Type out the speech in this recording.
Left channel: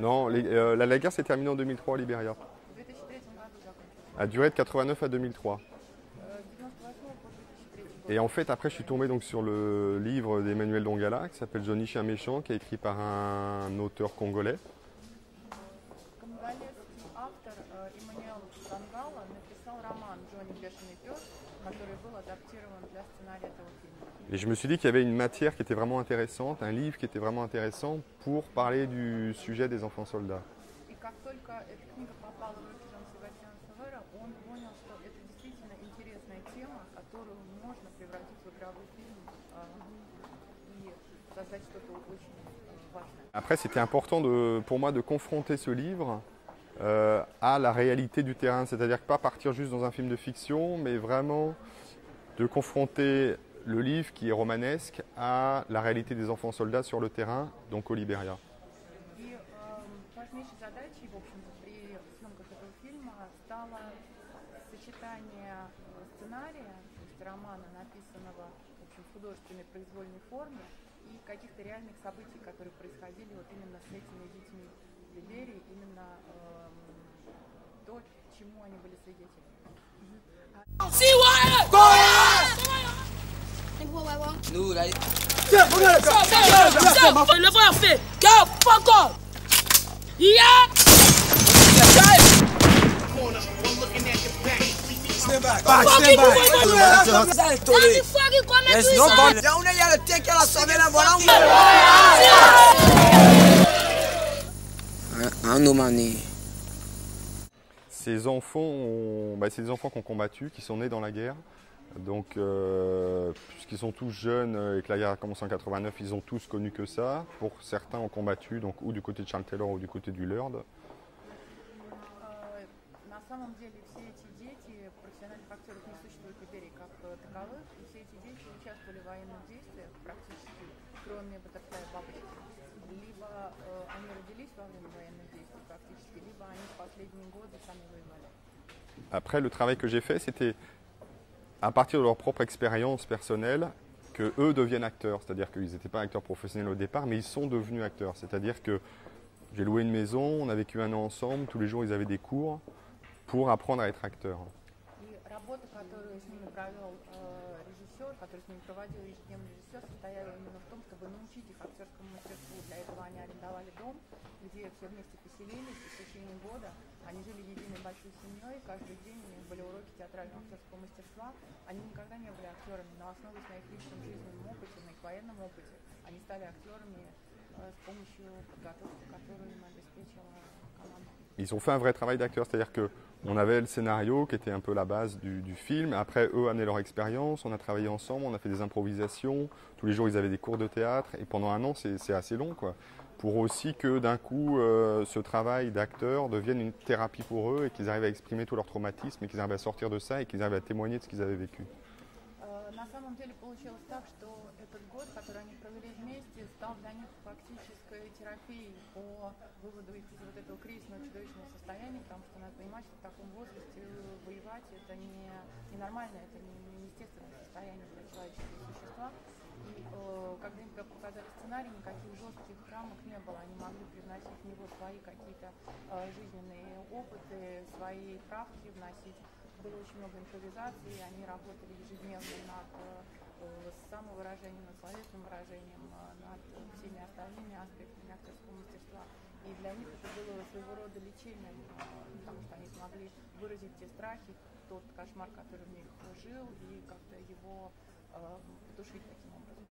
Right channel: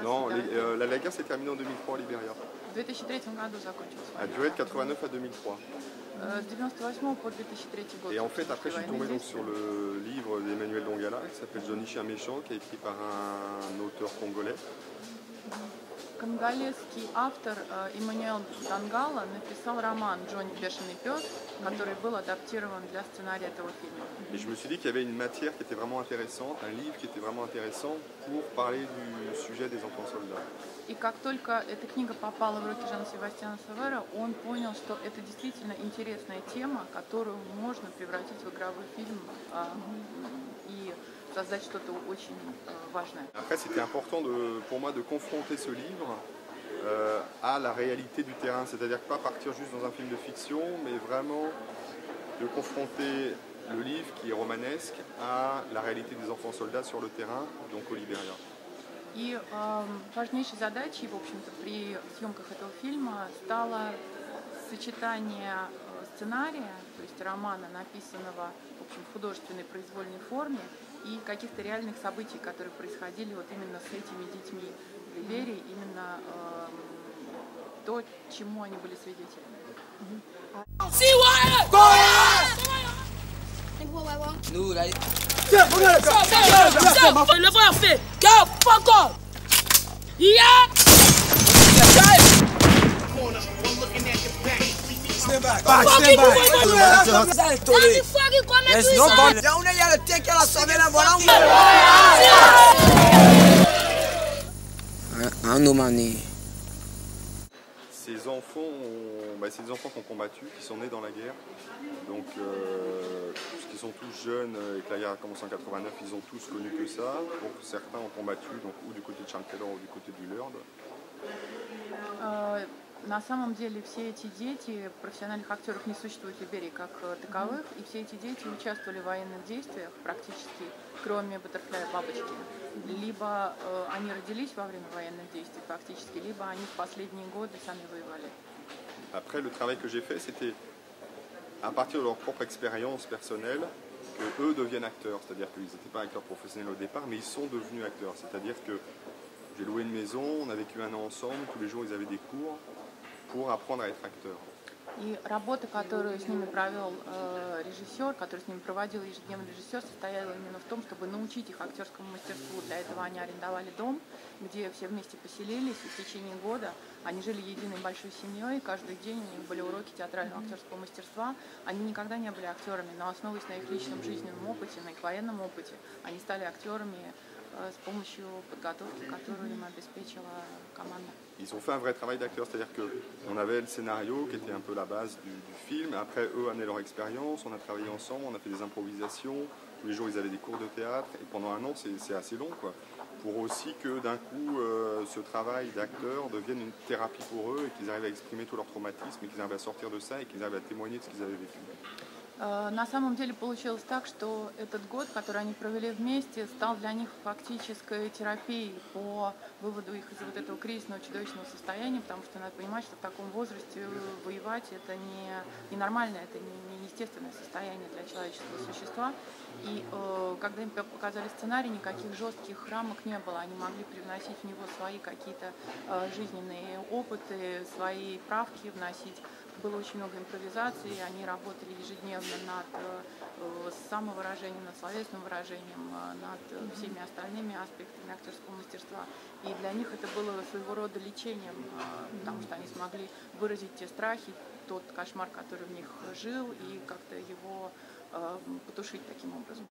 Non, la guerre s'est terminée en 2003 au Libéria. В 2003 году закончился. A duré de 89 à 2003. С 98 по 2003 год. Et en fait, après, je suis tombé donc sur le livre d'Emmanuel Dongala qui s'appelle Johnny Chien Méchant, qui est écrit par un auteur congolais. Конголезский автор Эммануэл Дангала написал роман «Джонни Бешеный пес», который был адаптирован для сценария этого фильма. Et je me suis dit qu'il y avait une matière qui était vraiment intéressante, un livre qui était vraiment intéressant pour parler du sujet des enfants soldats. И как только эта книга попала в руки Жан-Себастьяна Савера, он понял, что это действительно интересная тема, которую можно превратить в игровой фильм и создать что-то очень важное. Après, c'était important pour moi de confronter ce livre à la réalité du terrain, c'est-à-dire pas partir juste dans un film de fiction, mais vraiment de confronter le livre qui est romanesque à la réalité des enfants soldats sur le terrain, donc au Libéria. И важнейшей задачей, в общем-то, при съемках этого фильма стало сочетание сценария, то есть романа, написанного в общем, в художественной произвольной форме, и каких-то реальных событий, которые происходили вот именно с этими детьми в Либерии, именно то, чему они были свидетелями. Nous, là. Le voir fait. Fuck off. Yeah. Stand back. Stand by. There's nobody. Ya una ya le tiene que la saber la bola. Un humani. Ces enfants, c'est des enfants qui ont combattu, qui sont nés dans la guerre. Donc, puisqu'ils sont tous jeunes et que la guerre a commencé en 89, ils ont tous connu que ça. Pour certains ont combattu, donc ou du côté de Charles Taylor ou du côté du Lord. На самом деле все эти дети, профессиональных актеров не существует в Либерии как таковых, и все эти дети участвовали в военных действиях практически, кроме Баттерфляя Бабочки. Либо они родились во время военных действий фактически, либо они в последние годы сами воевали. Après, le travail que j'ai fait, c'était à partir de leur propre expérience personnelle, que eux deviennent acteurs. C'est-à-dire qu'ils n'étaient pas acteurs professionnels au départ, mais ils sont devenus acteurs. C'est-à-dire que j'ai loué une maison, on a vécu un an ensemble, tous les jours ils avaient des cours pour apprendre à être acteurs. И работа, которую с ними провел режиссер, которую с ними проводил ежедневный режиссер, состояла именно в том, чтобы научить их актерскому мастерству. Для этого они арендовали дом, где все вместе поселились, и в течение года они жили единой большой семьей, каждый день у них были уроки театрального актерского мастерства. Они никогда не были актерами, но основываясь на их личном жизненном опыте, на их военном опыте, они стали актерами с помощью подготовки, которую им обеспечила команда. Ils ont fait un vrai travail d'acteur, c'est-à-dire qu'on avait le scénario qui était un peu la base du film. Après, eux amenaient leur expérience, on a travaillé ensemble, on a fait des improvisations. Tous les jours, ils avaient des cours de théâtre. Et pendant un an, c'est assez long, quoi. Pour aussi que d'un coup, ce travail d'acteur devienne une thérapie pour eux et qu'ils arrivent à exprimer tout leur traumatisme et qu'ils arrivent à sortir de ça et qu'ils arrivent à témoigner de ce qu'ils avaient vécu. На самом деле получилось так, что этот год, который они провели вместе, стал для них фактической терапией по выводу их из вот этого кризисного чудовищного состояния, потому что надо понимать, что в таком возрасте воевать это не нормально, это не естественное состояние для человеческого существа. И когда им показали сценарий, никаких жестких рамок не было, они могли привносить в него свои какие-то жизненные опыты, свои правки вносить. Было очень много импровизаций, они работали ежедневно над самовыражением, над словесным выражением, над всеми остальными аспектами актерского мастерства. И для них это было своего рода лечением, потому что они смогли выразить те страхи, тот кошмар, который в них жил, и как-то его потушить таким образом.